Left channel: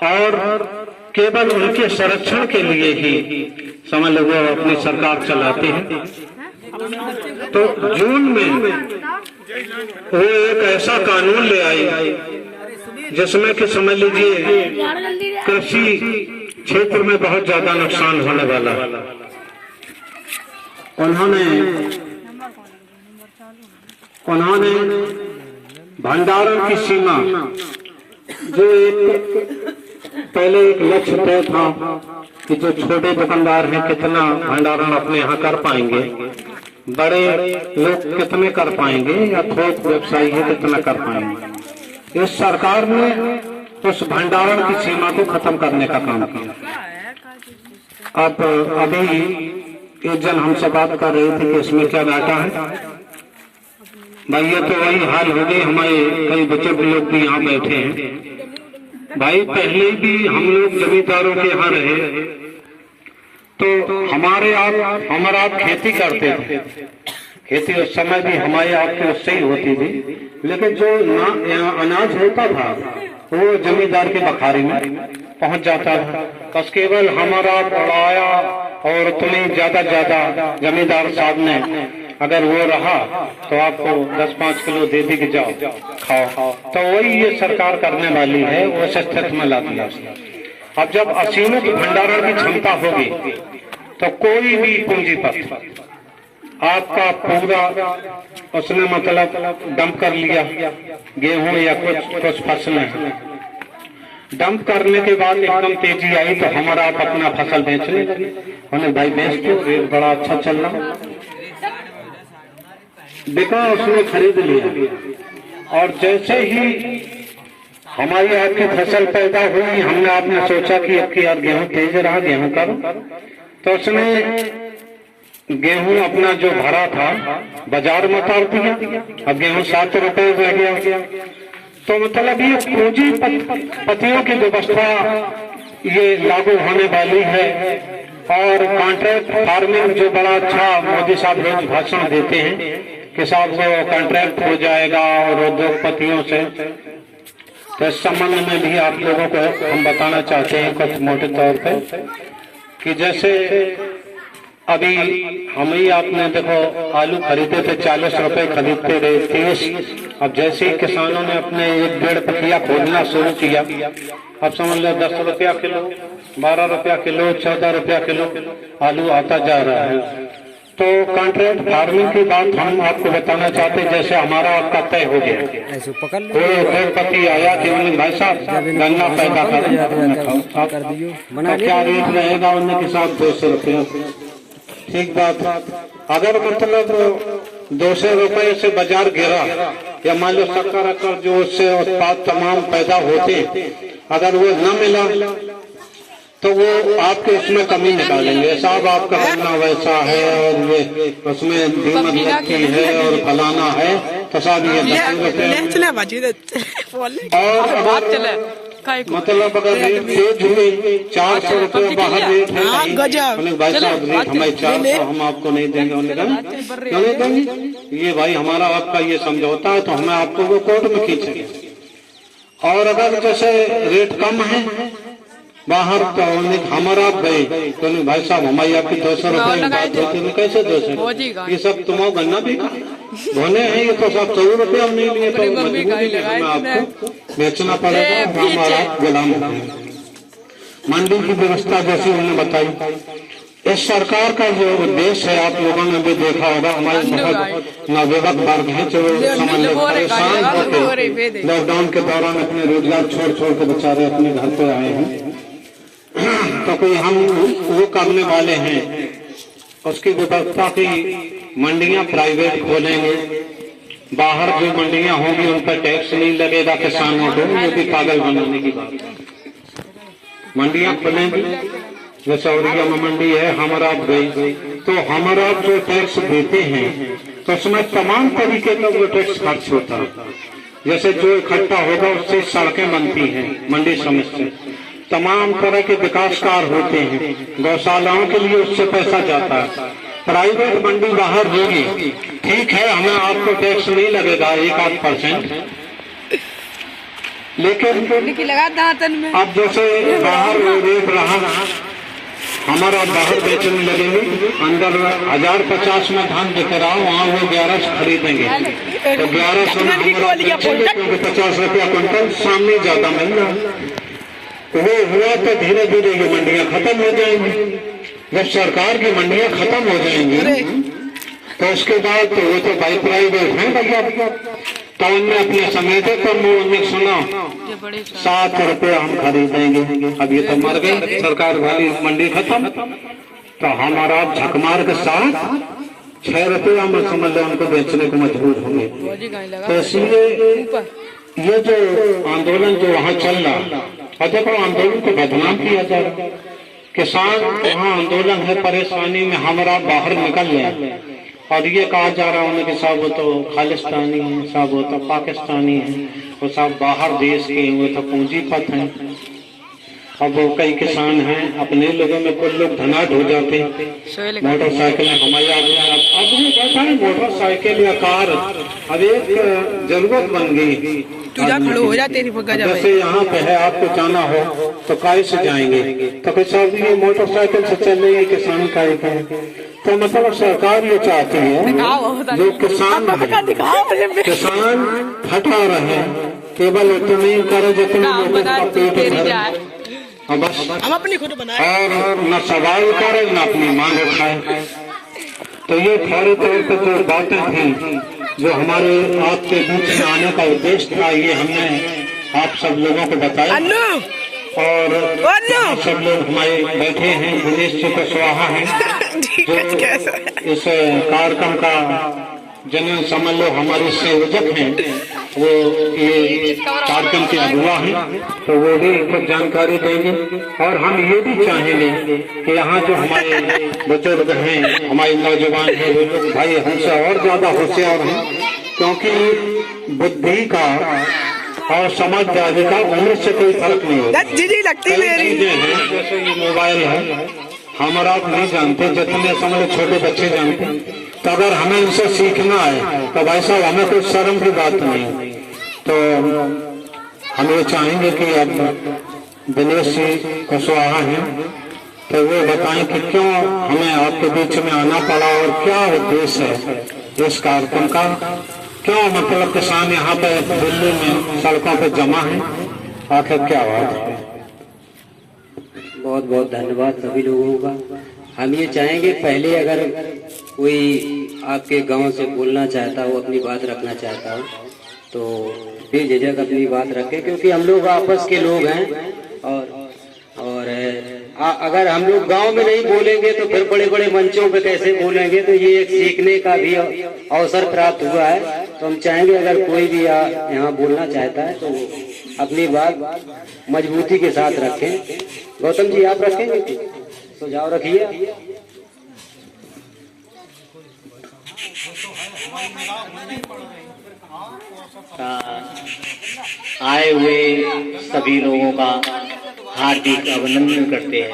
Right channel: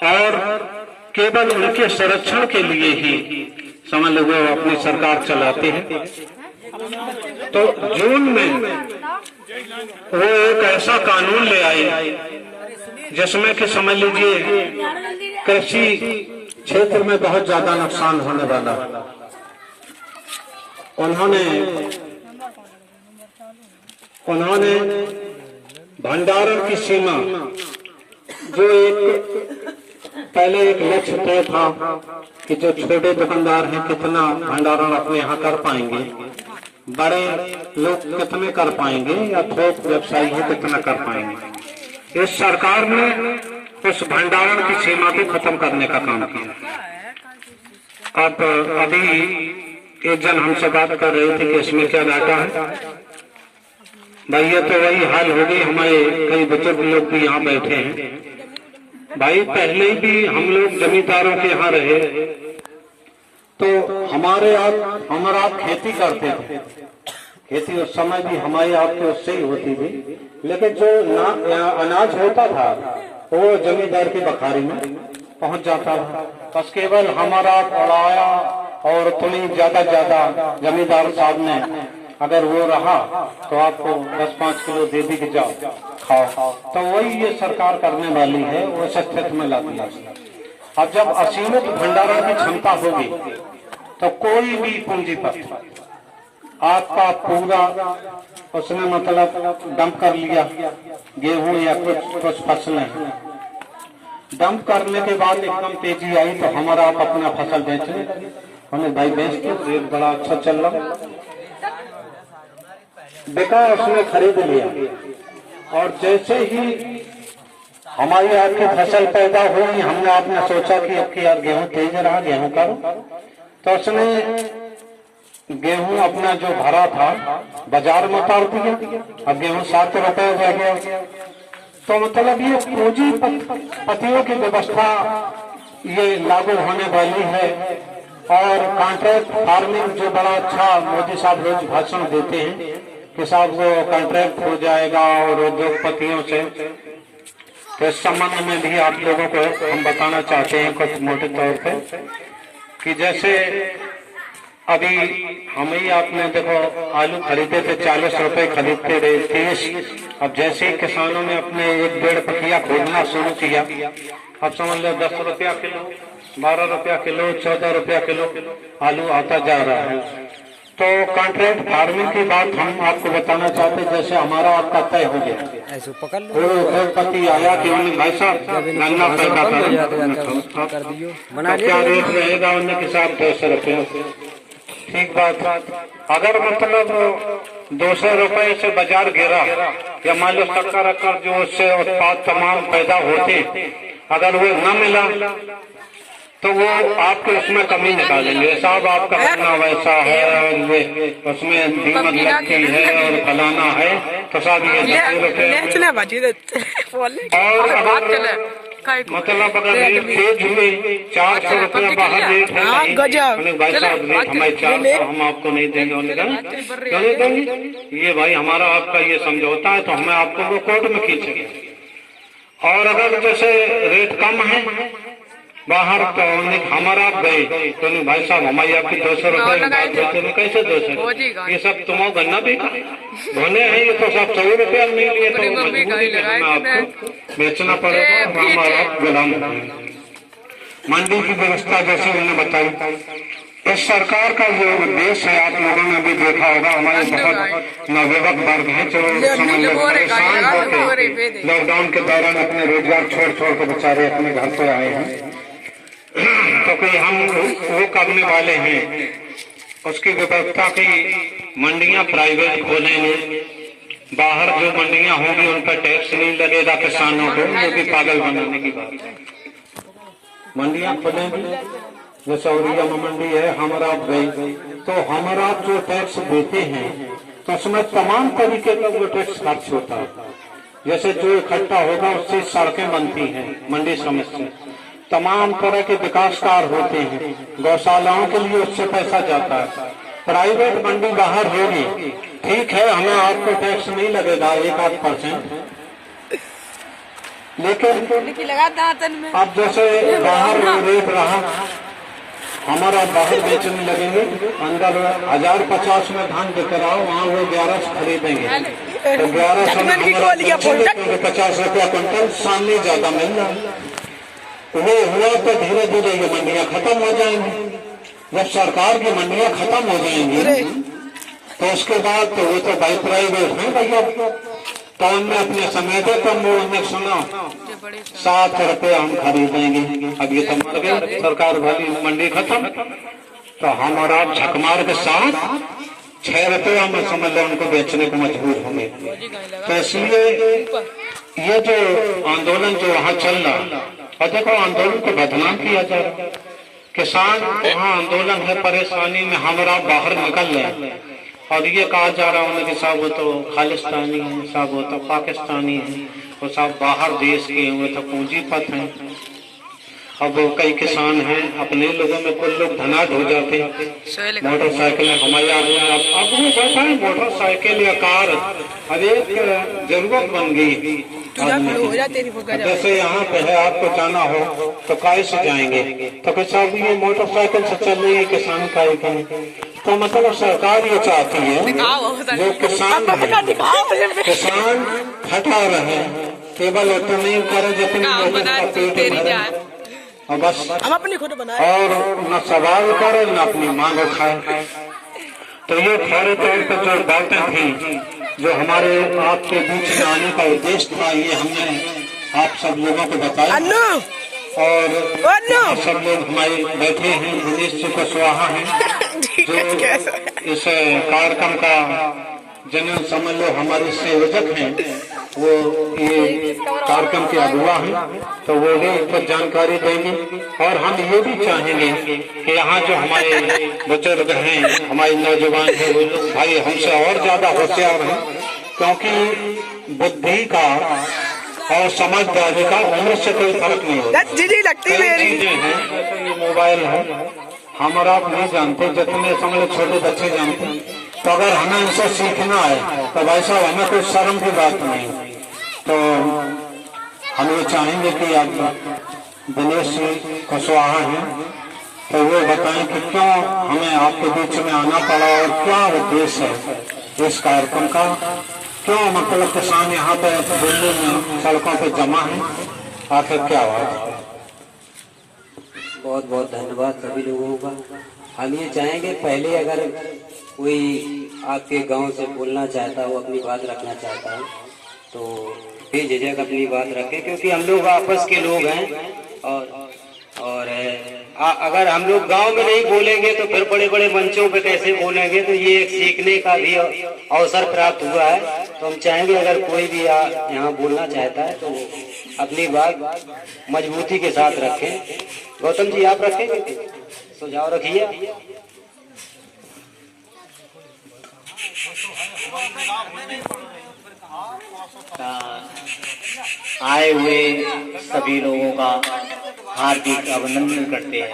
और केवल उनके संरक्षण के लिए ही समझ लो वो अपनी सरकार चलाते हैं। तो जून में वो एक ऐसा कानून ले आई जिसमें कि समझ लीजिए कृषि क्षेत्र में बहुत ज्यादा नुकसान होने वाला है। उन्होंने भंडारण की सीमा जो एक पहले एक लक्ष्य तय था कि जो छोटे दुकानदार हैं कितना भंडारण अपने यहाँ कर पाएंगे, बड़े लोग कितने कर पाएंगे या थोक व्यवसायी है कितना कर पाएंगे। इस सरकार ने उस भंडारण की सीमा को खत्म करने का काम किया। अब अभी एक जन हमसे बात कर रहे थे कि इसमें क्या डाटा है। भाई ये तो वही हाल हो गई, हमारे कई बुजुर्ग लोग भी यहाँ बैठे हैं। भाई पहले भी हम लोग जमींदारों के यहाँ रहे तो हमारा आप खेती करते थे। खेती उस समय भी हमारे आपके उससे ही होती थी, लेकिन जो अनाज होता था वो जमींदार की बखारी में पहुंच जाता था। बस केवल हमारा उड़ाया और तुम्हें ज्यादा जमींदार साहब ने अगर वो रहा तो आपको 10-5 किलो दे दी कि जाओ खाओ। तो वही ये सरकार करने वाली है, वो स्थिति में ला दिया। अब जब असीमित भंडारण की क्षमता होगी तो कोई भी पूंजीपति आपका पूरा उसने मतलब डंप कर लिया, गेहूं या कुछ फसलें डंप करने के बाद एकदम तेजी आई तो हमारा आप अपना फसल बेचने लगे। उन्हें भाई बेच दो, रेट बड़ा अच्छा चल रहा, बिका, उसने खरीद लिया। और जैसे ही हमारी आपकी फसल पैदा हुई, हमने आपने सोचा कि अब की यार गेहूं तेज रहा, गेहूं करो, तो उसने गेहूं अपना जो भरा था बाजार में उतार दिया। अब गेहूं 7 रुपए रह गया। तो मतलब ये पूंजीपतियों की व्यवस्था ये लागू होने वाली है। और कॉन्ट्रैक्ट फार्मिंग जो बड़ा अच्छा मोदी साहब रोज भाषण देते हैं कि साहब वो कॉन्ट्रैक्ट हो जाएगा और उद्योगपतियों से, तो इस संबंध में भी आप लोगों को हम बताना चाहते हैं कुछ मोटे तौर पे कि जैसे अभी हम ही आपने देखो आलू खरीदे थे 40 रुपए खरीदते रहे 30। अब जैसे ही किसानों ने अपने 1-1.5 पखिया खोलना शुरू किया, अब समझ लो 10 रुपया किलो, 12 रुपया किलो, 14 रुपया किलो आलू आता जा रहा है। तो कॉन्ट्रैक्ट फार्मिंग की बात हम आपको बताना चाहते हैं। जैसे हमारा आपका तय हो गया, तो उद्योगपति आया कि भाई साहब गन्ना पैदा कर दियो, क्या रेट रहेगा उनके साथ 200 रुपये। ठीक बात। अगर मतलब 200 रुपये से बाजार गिरा या मान लो शक्कर जो उससे उत्पाद तमाम पैदा होते, अगर वो न मिला तो वो आपको उसमें कमी निकालेंगे, साहब आपका गन्ना वैसा है और उसमें कीमत लगती है और फलाना है, तो साहब मतलब अगर रेट तेज हुए 400 रुपये बाहर रेट है, भाई साहब रेट हमारे 400 हम आपको नहीं देंगे। ये भाई हमारा आपका ये समझौता है, तो हमें आपको वो कोर्ट में खींचेंगे। और अगर जैसे रेट कम है बाहर तो हमारा आप गए तो नहीं भाई साहब हमारी आपकी 200 रुपये कैसे 200, ये सब तुम्हारा गन्ना भी धोने हैं, ये तो सब 100 रुपये हम नहीं लिए, तो हमें आपको बेचना पड़ेगा, हमारा गुलाम होगा। मंडी की व्यवस्था जैसे उन्होंने बताई, इस सरकार का जो उद्देश्य है आप लोगों ने भी देखा होगा, हमारे बहुत नवयुवक वर्ग है जो परेशान होकर लॉकडाउन के दौरान अपने रोजगार छोड़ के बेचारे अपने घर पे आए हैं। क्योंकि हम वो करने वाले हैं उसकी व्यवस्था की मंडियां प्राइवेट खोलेंगे, बाहर जो मंडियां होंगी उन पर टैक्स नहीं लगेगा किसानों को, ये भी पागल बनाने की बात है। मंडियां खोलेंगी, जैसे औरिया में मंडी है हमारा गई, तो हमारा जो टैक्स देते हैं तो उसमें तमाम तरीके का वो टैक्स खर्च होता है। जैसे जो इकट्ठा होगा उससे सड़कें बनती हैं मंडी समिति से, तमाम तरह के विकास कार्य होते हैं, गौशालाओं के लिए उससे पैसा जाता है। प्राइवेट मंडी बाहर होगी, ठीक है, हमें आपको टैक्स नहीं लगेगा 1-8%, लेकिन लगा दांतन में अब जैसे बाहर रेट रहा हमारा बाहर बेचने लगेंगे, अंदर 1050 में धान बिक रहा हो, वहाँ वो 11 से खरीदेंगे तो 11 से 50 रुपया क्विंटल, सामने ज्यादा महंगा। वो हुआ तो धीरे धीरे ये मंडियां खत्म हो जाएंगी। जब सरकार की मंडियां खत्म हो जाएंगी तो उसके बाद तो वो तो बाई प्राइवेट है भैया, तो उनने अपने समय थे तो उन्होंने सुना 7 रुपये हम खरीदेंगे। अब ये तो मर गई सरकार वाली मंडी खत्म, तो हमारा झकमार के साथ 6 रुपये हम समझ लो उनको बेचने को मजबूर होंगे। तो इसलिए ये जो आंदोलन जो वहाँ चल रहा, और देखो आंदोलन को बदनाम किया जा रहा, किसान वहाँ आंदोलन है, परेशानी में हमारा बाहर निकल रहे और ये कहा जा रहा है कि साहब वो तो खालिस्तानी है, साहब वो तो पाकिस्तानी है, वो सब बाहर देश के हुए तो पूंजीपत हैं। अब वो कई किसान हैं अपने लोगों में कुछ लोग धनाढ़ हो जाते हैं, मोटरसाइकिल हमारे अब भी बैठा है मोटरसाइकिल या कार, अब एक जरूरत बन गई। जैसे यहाँ पे है आपको जाना हो तो कैसे जाएंगे, तो कुछ साहब ये मोटरसाइकिल से चल रही है किसान का, तो मतलब सरकार ये चाहती है जो किसान हटा रहे हैं, केवल उतना नहीं करो जितने लोगों का पेट भरे, बस हम अपनी खुद बनाए और न सवाल करे न अपनी मांग उठाए। तो ये खड़े तौर पर जो बातें थी जो हमारे आपके बीच में आने का उद्देश्य था, ये हमने आप सब लोगों को बताया और सब लोग हमारे बैठे हैं, दिनेश जी को स्वाहा है जो इस कार्यक्रम का जनरल समझ लो हमारी संयोजक हैं, वो ये कार्यक्रम के अगुआ हैं, तो वो भी कुछ जानकारी देंगे। और हम ये भी चाहेंगे कि यहाँ जो हमारे बुजुर्ग हैं, हमारे नौजवान हैं, वो लोग भाई हमसे और ज्यादा होशियार हैं, क्योंकि बुद्धि का और समझदारी का उम्र से कोई फर्क नहीं होता। लगती मेरी जैसे ये मोबाइल है, हम और आप नहीं जानते, जितने समझ छोटे बच्चे जानते हैं, तो अगर हमें इनसे सीखना है तो भाई साहब हमें कोई शर्म की बात नहीं। तो हम ये चाहेंगे कि आप दिनेश जी कुशवाहा हैं तो वो बताएं कि क्यों हमें आपके बीच में आना पड़ा और क्या उद्देश्य है इस कार्यक्रम का, क्यों मतलब किसान यहाँ पे दिल्ली में सड़कों पे जमा है, आखिर क्या बात है। बहुत बहुत धन्यवाद सभी लोगों का। हम ये चाहेंगे पहले अगर कोई आपके गांव से बोलना चाहता हो, अपनी बात रखना चाहता हो, तो बेझिझक अपनी बात रखें, क्योंकि हम लोग आपस के लोग हैं और अगर हम लोग गांव में नहीं बोलेंगे तो फिर बड़े बड़े मंचों पे कैसे बोलेंगे। तो ये एक सीखने का भी अवसर प्राप्त हुआ है। तो हम चाहेंगे अगर कोई भी यहाँ बोलना चाहता है तो अपनी बात मजबूती के साथ रखें। गौतम जी आप रखेंगे, सुझाव रखिए। आए हुए सभी लोगों का हार्दिक अभिनंदन करते हैं।